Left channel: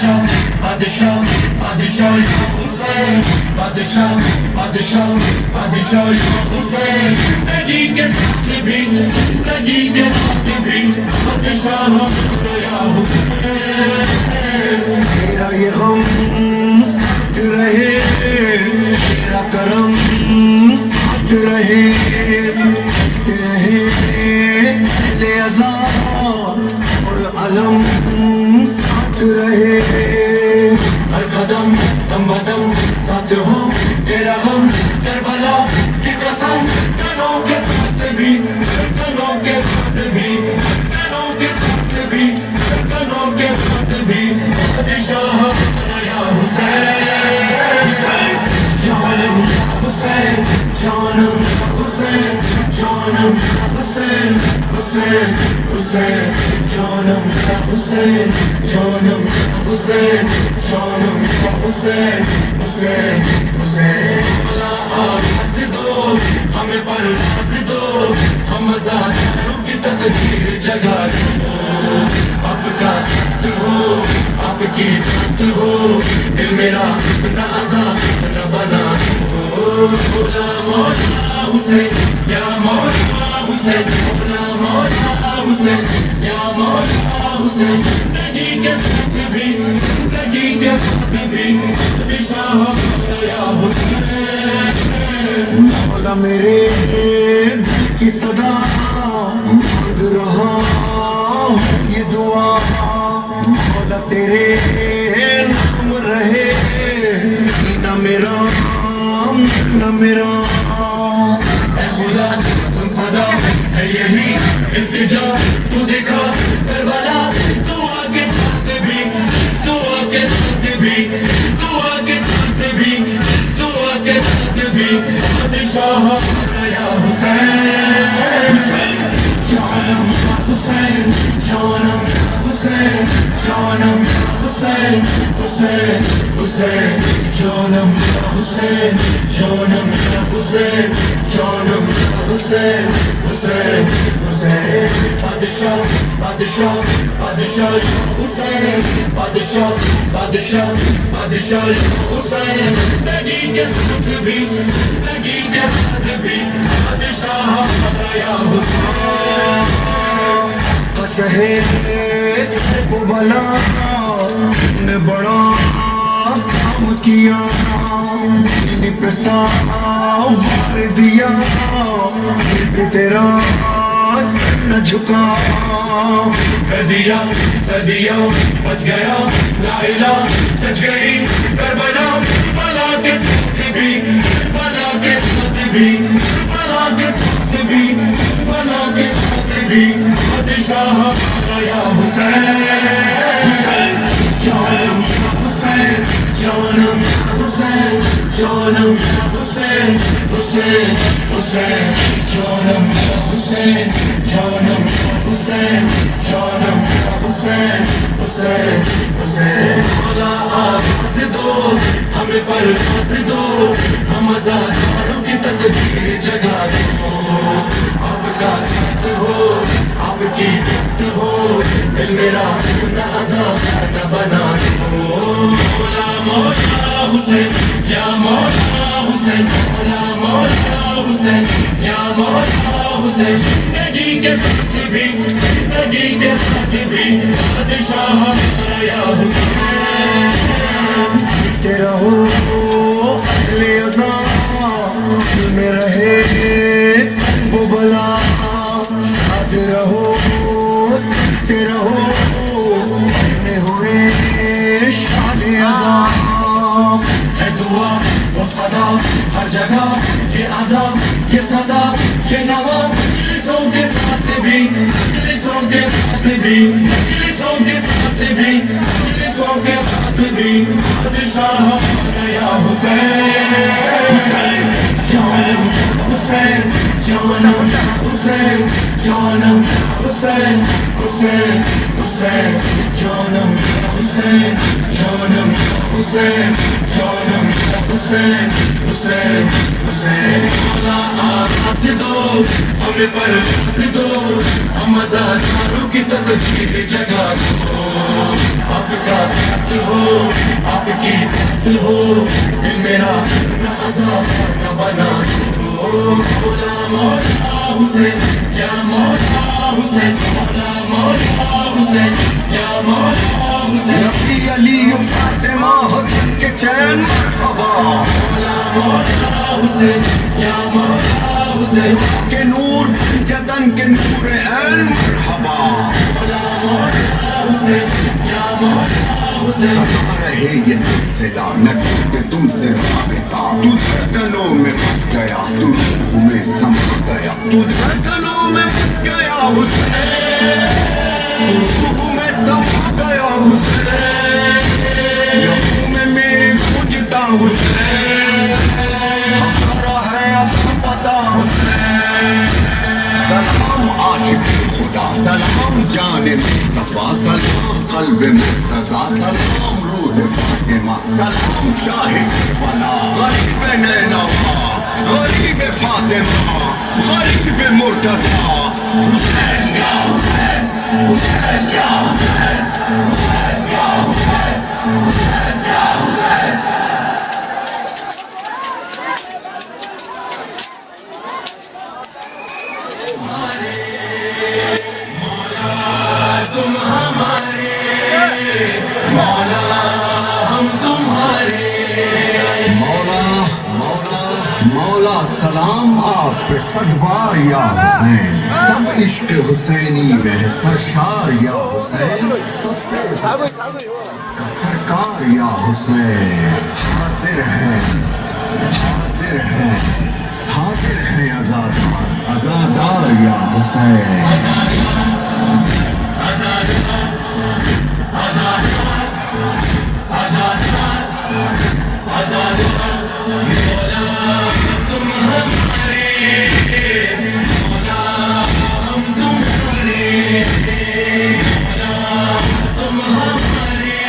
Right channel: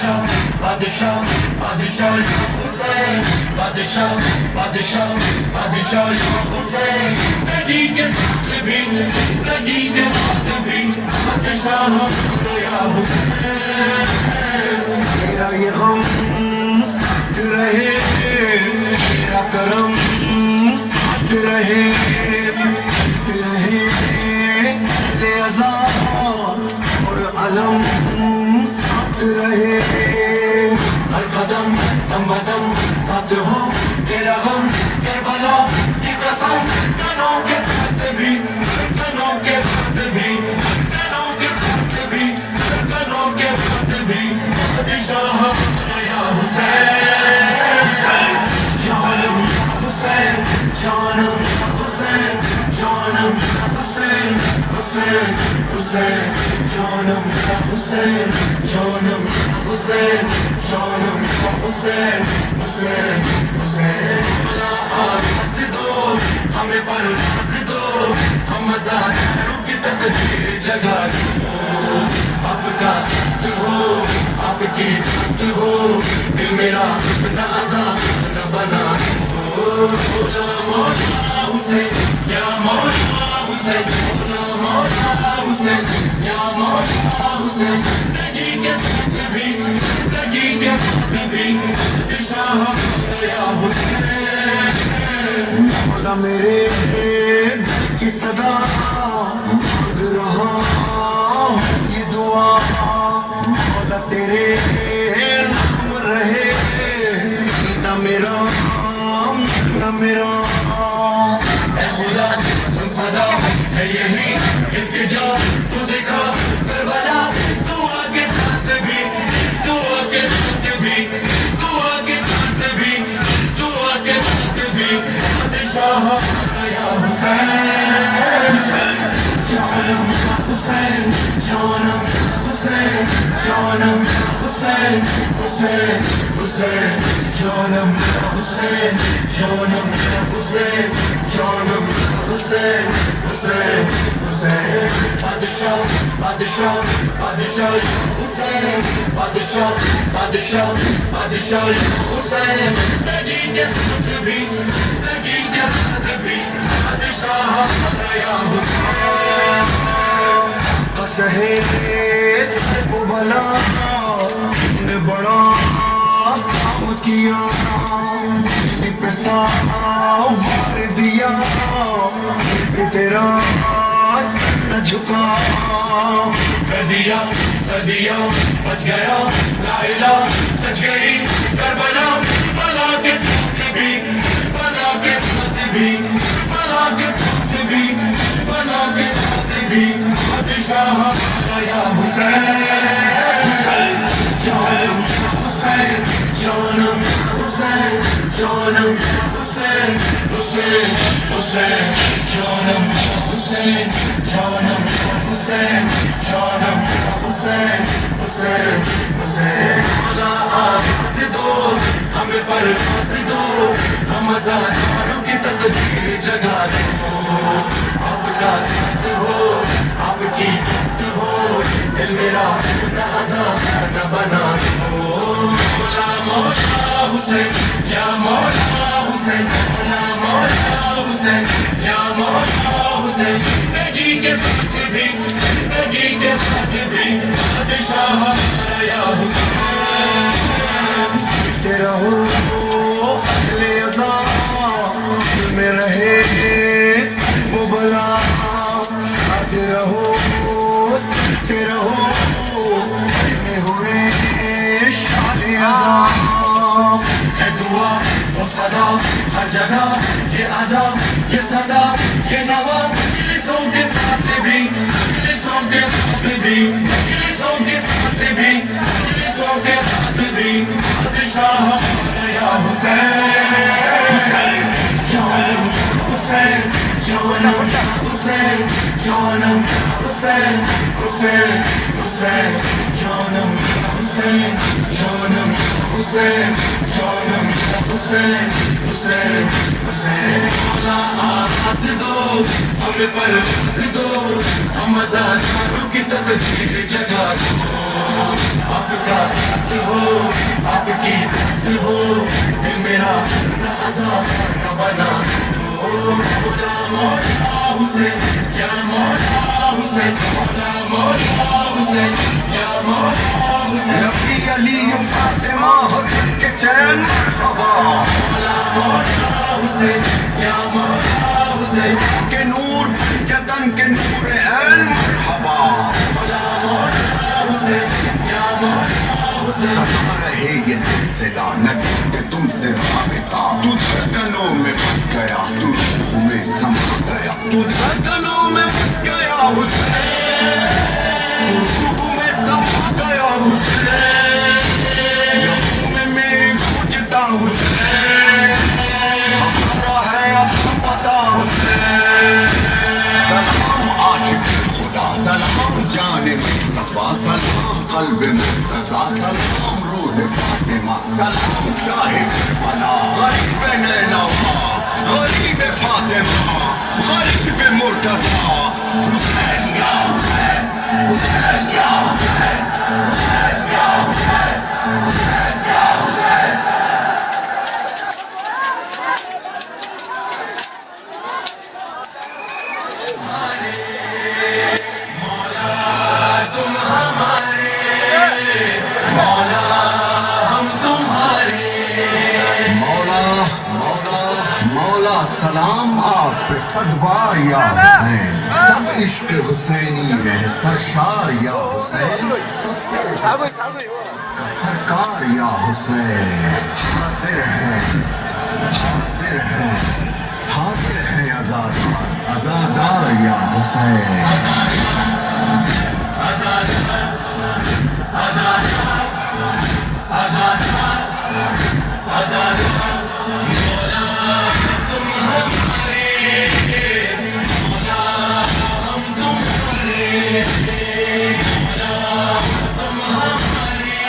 بادشاہ بادشاہ حسین بادشاہ بادشاہ بادشاہ حسین زندگی کے ساتھ بھی زندگی کے بعد بھی بادشاہ یا حسین میرا یہ غم ساتھ رہے تیرا کرم ساتھ رہے اہل عذاب اور علم ساتھ رہے ہر قدم دم بدم ساتھ ہو تیرا غم کربلا کی قسم تنوں کے ساتھ بھی تنوں کے ساتھ بھی تنوں کے ساتھ بھی تنوں کے ساتھ بھی بادشاہ یا حسین جانم حسین جانم حسین جانم حسین حسین حسین جانم حسین جانم حسین جانم حسین حسین حسین ہنس دو ہمیں پر ہنس دو ہم مزاروں کی تقدیر جگا دو آپ کا ساتھ ہو آپ کی بات ہو دل میرا نہ آزاد نہ بنا ہو مولا مولا حسین یا مولا حسین مولا مولا حسین یا مولا حسین زندگی کے ساتھ بھی زندگی کے ساتھ بھی بادشاہ یا حسین مولا میرے دل کی صدا مانگ رہا یہ دعا مولا تیرے نام رہے نہ میرا نہ میرا اے خدا سن صدا ہے یہی التجا تو دکھا کربلا دعا کے ساتھ بھی دعا کے ساتھ بھی دعا کے ساتھ بھی دعا کے ساتھ بھی بادشاہ یا حسین جانم حسین جانم حسین جانم حسین حسین حسین جانم حسین جانم حسین جانم حسین حسین حسین بادشاہ بادشاہ بادشاہ حسین بادشاہ بادشاہ بادشاہ حسین زندگی کے ساتھ بھی زندگی کے ساتھ بھی بادشاہ یا حسین شہید وہ بلا نے بڑا کام کیا نے پیسہ وار دیا پھر تیرا سر نہ جھکا کر دیا صدیہ بچ گیا لائلہ سچ گئی کربلا بلا کے ساتھ بھی بلا کے ساتھ بھی بلا کے ساتھ بھی بلا کے ساتھ بھی بادشاہ یا حسین جانم حسین جانم حسین جانم حسین حسین حسین جانم حسین جانم حسین جانم حسین حسین حسین مولا آپ ہنس دو ہمیں پر ہنس دو ہم مزاروں کی تقدیر جگا دو آپ کا ساتھ ہو آپ کی بات ہو دل میرا نہ آزاد نہ بنا دو مولا مولا حسین یا مولا حسین مولا مولا حسین یا مولا حسین زندگی کے ساتھ بھی زندگی کے ساتھ بھی بادشاہ یا حسین تیرا ہو اہل عذاب میں رہے وہ بلا تیرا ہو تیرا ہو میں ہوئے شان عذاب ہے دعا وہ صدا ہر جگہ یہ عذاب یہ صدا یہ نوا مجلسوں کے ساتھ بھی مجلسوں کے ساتھ بھی مجلسوں کے ساتھ بھی مجلسوں کے ساتھ بھی بادشاہ یا حسین جانم حسین جانم حسین جانم حسین حسین حسین جانم حسین جانم حسین جانم حسین حسین حسین مولا آپ ہنس دو ہمیں پر ہنس دو ہم مزاروں کی تقدیر جگا دو آپ کا ساتھ ہو آپ کی بات ہو دل میرا نہ عذاب نہ بنا ہو مولا مولا حسین یا مولا حسین مولا مولا حسین یا مولا حسین رفیع علی فاطمہ حسن کے چین مرحبا مولا مولا حسین یا مولا حسین کے نور جتن کے نور عین مرحبا مولا مولا حسین یا مولا حسین ستا رہے یہ سلسلہ نہ ٹوٹے تم سے رابطہ تو دھڑکنوں میں بس گیا تو روح میں سما گیا تو دھڑکنوں میں بس گیا حسین تو روح میں سما گیا حسین لہو میں میرے گونجتا حسین ہمارا ہے اب پتا حسین سلام عاشق خدا سلام جان مصطفیٰ سلام قلب مرتضیٰ سلام روح فاطمہ سلام شاہ کربلا غریب نینوا غریب فاطمہ غریب مرتضیٰ حسین یا حسین حسین یا حسین حسین یا حسین حسین یا حسین تم ہمارے مولا ہم تمہارے مولا مولا مولا سلام آپ پہ صد بار یا حسین سب عشق حسینی میں سرشار یا حسین سب کا سرکار یا حسین حاضر ہے حاضر ہے حاضر ہے آزادار آزادار یا حسین